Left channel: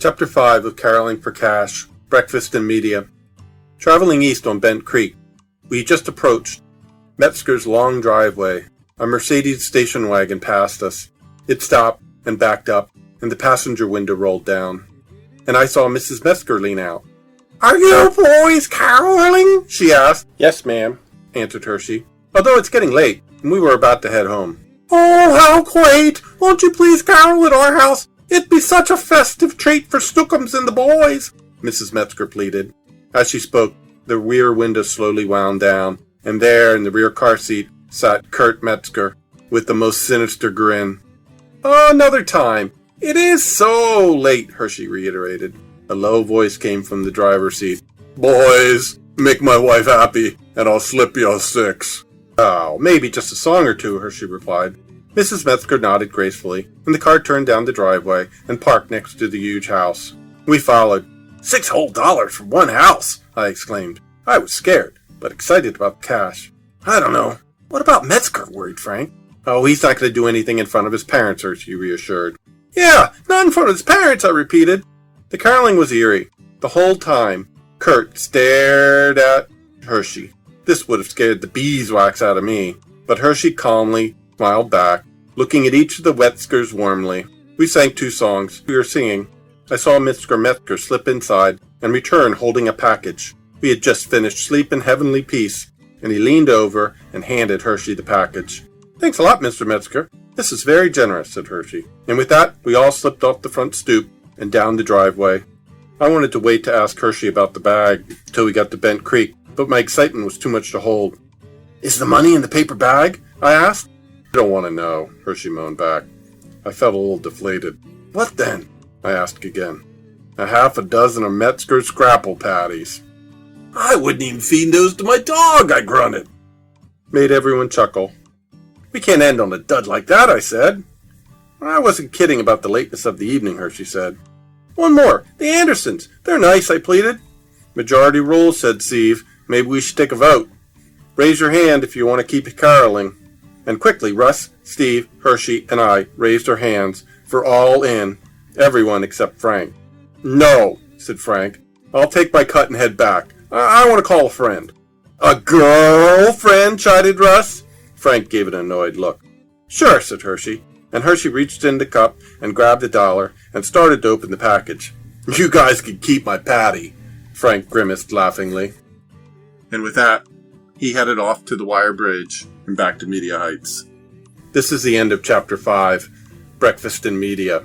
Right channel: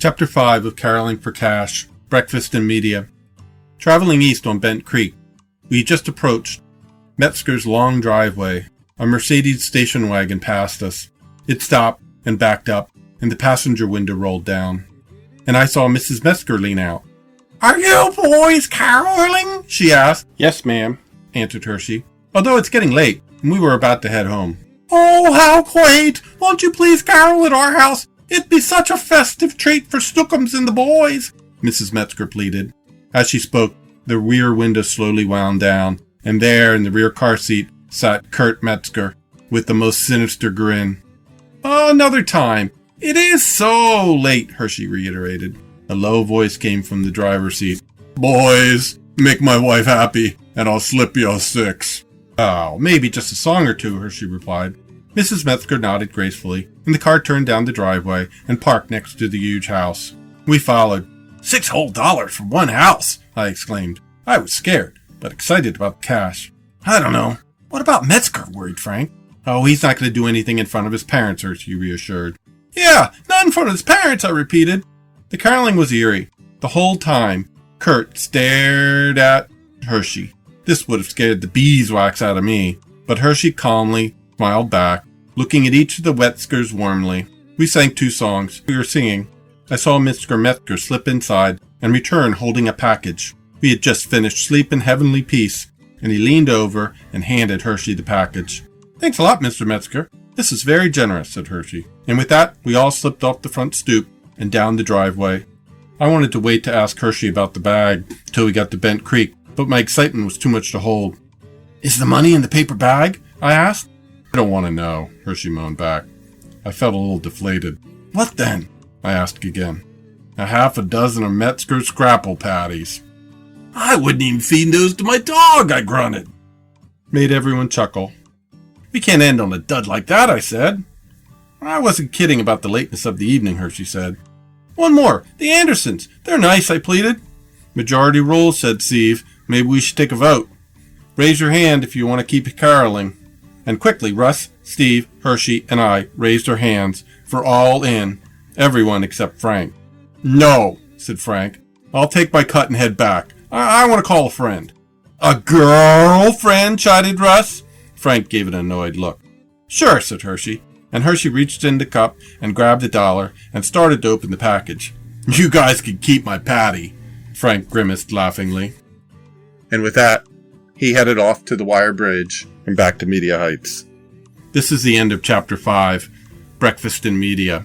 Chapter 5 of Caroling for Cash, Breakfast in Media. Traveling east on Bent Creek, we just approached Metzgers' long driveway. A Mercedes station wagon passed us. It stopped and backed up, and the passenger window rolled down. And I saw Mrs. Metzger lean out. "Are you boys caroling?" she asked. "Yes, ma'am," answered Hershey, "although it's getting late, and we were about to head home." "Oh, how quaint! Won't you please carol at our house? It'd be such a festive treat for Stookums and the boys," Mrs. Metzger pleaded. As she spoke, the rear window slowly wound down, and there in the rear car seat sat Kurt Metzger with the most sinister grin. "Another time. It is so late," Hershey reiterated. A low voice came from the driver's seat. "Boys, make my wife happy, and I'll slip you a 6. "Oh, maybe just a song or two," Hershey replied. Mrs. Metzger nodded gracefully, and the car turned down the driveway and parked next to the huge house. We followed. $6 whole for one house!" I exclaimed. I was scared, but excited about the cash. "I don't know. What about Metzger?" worried Frank. "Oh, he's not going to do anything in front of his parents," Hershey reassured. "Yeah, not in front of his parents," I repeated. The caroling was eerie. The whole time, Kurt stared at Hershey. This would have scared the beeswax out of me, but Hershey calmly smiled back, looking at each of the Metzgers warmly. We sang 2 songs. We were singing. I saw Mr. Metzger slip inside and return holding a package. We had just finished Sleep in Heavenly Peace, and he leaned over and handed Hershey the package. "Thanks a lot, Mr. Metzger. This is very generous," said Hershey. And with that, we all slipped off the front stoop and down the driveway. I wanted to wait to ask Hershey about the bag till we got to Bent Creek, but my excitement was too much to hold. "Is the money in the paper bag?" I asked. "I don't want to know," Hershey moaned back. I felt a little deflated. "What then?" I asked again. "A half a dozen of Metzger scrapple patties." "I wouldn't even feed those to my dog," I grunted. Made everyone chuckle. "We can't end on a dud like that," I said. "I wasn't kidding about the lateness of the evening," Hershey said. "One more. The Andersons. They're nice," I pleaded. "Majority rules," said Steve. "Maybe we should take a vote. Raise your hand if you want to keep caroling." And quickly, Russ, Steve, Hershey, and I raised our hands for all in, everyone except Frank. "No," said Frank. "I'll take my cut and head back. I want to call a friend." "A girlfriend?" chided Russ. Frank gave an annoyed look. "Sure," said Hershey. And Hershey reached in the cup and grabbed $1 and started to open the package. "You guys can keep my patty," Frank grimaced laughingly. And with that, he headed off to the wire bridge and back to Media Heights. This is the end of Chapter 5, Breakfast in Media.